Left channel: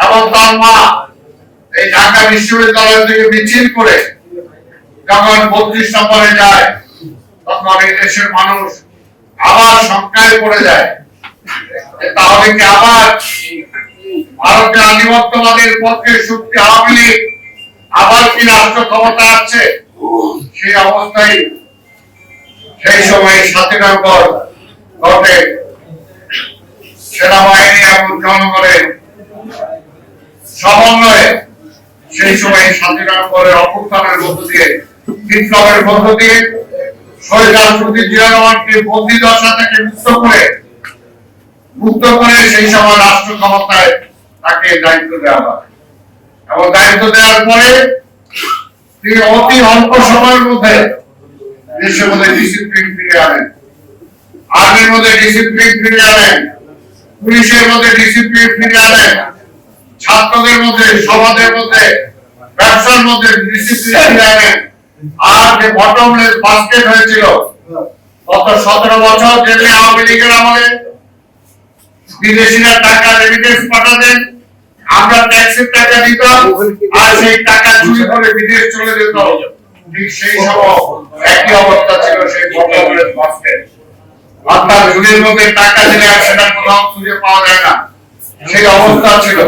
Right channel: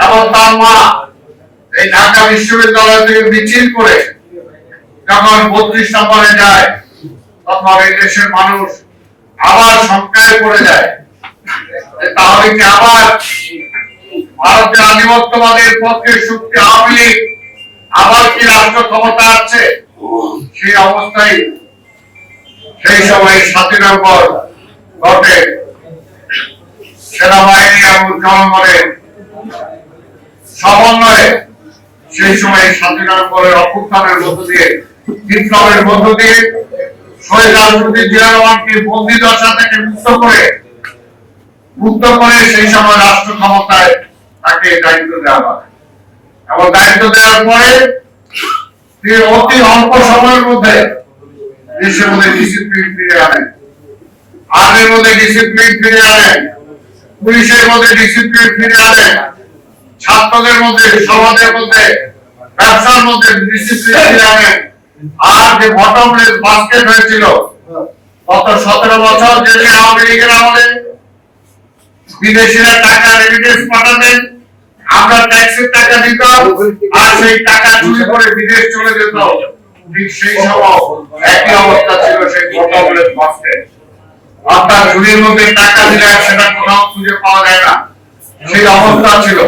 এবং তার মা এই ঢাকা বিশ্ববিদ্যালয় থেকে মিছিল করে যখন বত্রিশ নম্বরে যায়, তখন এই দেশের মানুষ আবার সংখ্যায় পড়ে যায় তাহলে কি আবার ভারতের আধিপত্যবাদের পক্ষে শক্তি আবার কি রাষ্ট্র ক্ষমতা আছে সেই অবস্থায় সেই সময় সাতই নভেম্বর ঘটে। সেনাবাহিনী এবং জনগণের সমন্বয়ে সেই সময় সাতই নভেম্বরের অভ্যুত্থানের মধ্য দিয়ে বিপ্লবের মধ্য দিয়ে শহীদ রাষ্ট্রপতি জিয়া রহমানকে বন্দি দশা থেকে মুক্ত করে মুক্ত করে সেই সময় রাষ্ট্র ক্ষমতায় তাকে দায়িত্ব দেওয়া হয়। এবং দায়িত্ব দেওয়ার পরে তিনি অতি অল্প সময়ের মধ্যে দেশের মধ্যে ডিসিপ্লিন ফিরিয়ে আনেন। আর্মির মধ্যে ডিসিপ্লিন ফিরিয়ে আনেন, পুলিশের মধ্যে ডিসিপ্লিন ফিরিয়ে আনেন ছাত্রদের মধ্যে, সমাজের মধ্যে, ব্যবসার মধ্যে আর যে বটমলেস বাস্কেট হয়েছিল, গত সতেরো বছর যে আওয়ামী লীগের আমলে বিদেশিরা টাকা রেমিটেন্স পাঠাতেন, আমরা ট্যাক্সের টাকা দিতাম, আর সেই টাকা চুরি করে বিদেশ চলে যেত। সেই সময় একই অবস্থা ছিল সেই আপনার টাকা দিলে সেটা কোথাও খুঁজে পাওয়া যায় না। সেই অবস্থা ছিল।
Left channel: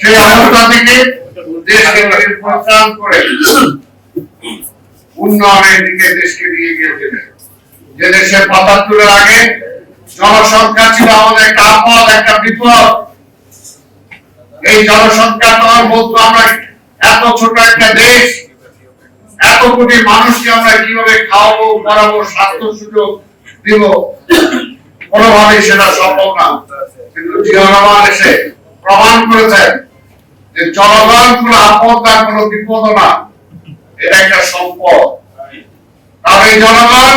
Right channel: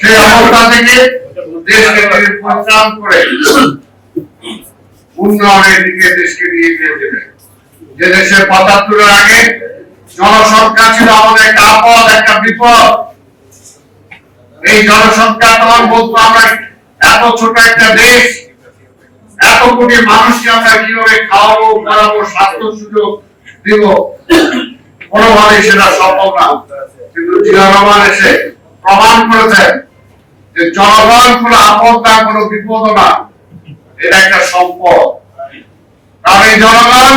সেই অবস্থা থেকে দেশকে পরিত্রাণ করে উন্নয়নের দিকে দেশকে নিয়ে গিয়েছিলেন যে দেশের পঁচাত্তরের আগে জনসংখ্যা ছিল আমাদের একটা আপদ, একটা বিপদ। এই জনসংখ্যা তখন বলতো আমরা এত ছোট একটা দেশ, এত কোটি মানুষকে আমরা কীভাবে খাওয়াবো, পড়াবো স্বাস্থ্য সুযোগ দিব? কোনোভাবেই সেটা সম্ভব না। এসে প্রমাণ করেছেন যে জনগণ কোনো আপদ কোনো বিপদ না, এটা একটা সম্পদ। কারণ এই জনগণ,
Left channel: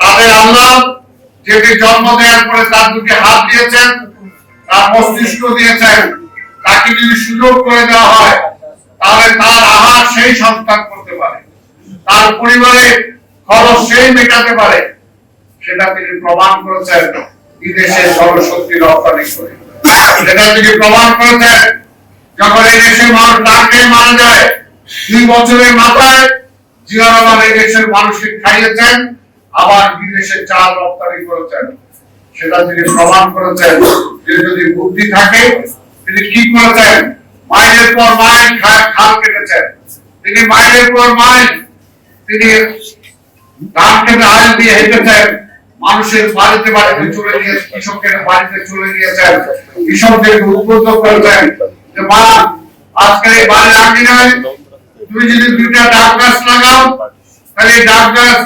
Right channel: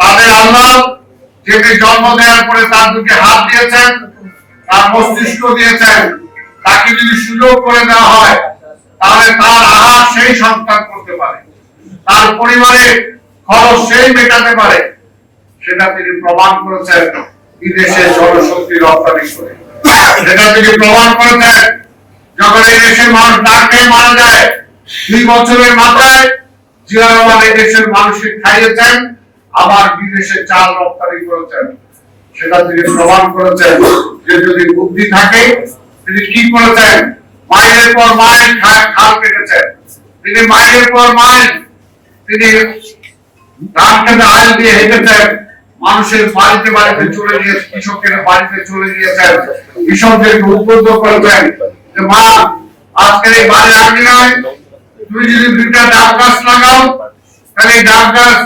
তাদের আল্লাহ যেটি জন্ম দেওয়ার পরে তার দুটি হাত দিয়েছেন, তার মস্তিষ্ক দিয়েছেন, তাকে যদি সুযোগ করে দেওয়া হয়, তাহলে তার আহার সেই সন্তান করতে পারে। তার পরিবারের খরচ সেই মেটাতে পারে। সেটা তিনি প্রমাণ করেছেন। বিদেশে জনশক্তি রপ্তানি করে। সেটা তিনি প্রমাণ করেছেন যখন এই দেশের মানুষ না খেয়ে মারা যায়, দুই বছরের মাথায় এই দেশের খাইয়েছেন আবার বিদেশে চাল রপ্তানি করেছেন। সেটা তিনি প্রমাণ করেছেন যে যদি বুদ্ধি থাকে, তিনি কি করেছেন? মাইলের পর মাইল খাল কেটেছেন। তিনি মাইলের পর মাইল তিনি ধান খেতে আল দিয়ে হেঁটেছেন। মানুষের বাড়িতে বাড়িতে চলে গিয়ে কৃষকের বাড়িতে চলে গিয়েছেন কৃষকদেরকে উদ্বুদ্ধ করেছেন যে মা আজকের এই বাড়ির আঙিনায় তুমি যদি দুইটা ডাব গাছ লাগাও, তাহলে এই ডাব গাছ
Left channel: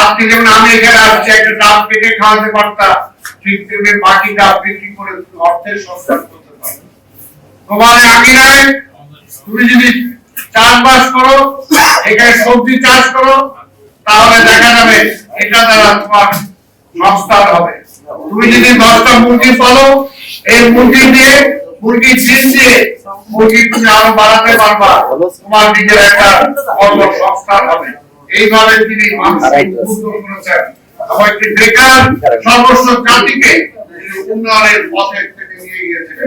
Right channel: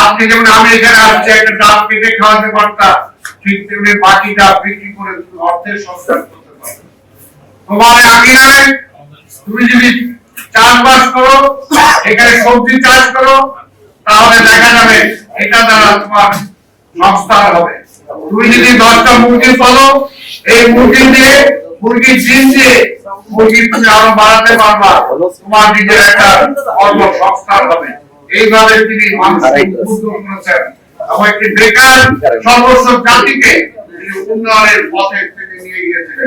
আজকে যেমন আমি এখানে আসছি, একটা ডাব কেটে খাওয়াতে পারতাম, ঠিক তেমনি বাকি ডাব বিক্রি করে তুমি অর্থের সংস্থান করতে পারবে তোমার আঙিনায় তুমি যদি চাষবাস করো, এখানে সবজি চাষ করো, তাহলে দেখা যাবে এটা দ্বারা তোমার সংস্থান হবে। তুমি যদি দশটা মুরগি পালো এই মুরগি দিয়ে মুরগি জিন দিয়ে মুরগি তুমি আরও বাড়াতে পারবা। তোমার নিজের একটা কর্মসংস্থান হবে। এইভাবে তিনি মানুষকে করেছেন। এবং একটি বেকার সমস্ত জাতিকে উন্নয়নের পথে তিনি নিয়ে গিয়েছিলেন।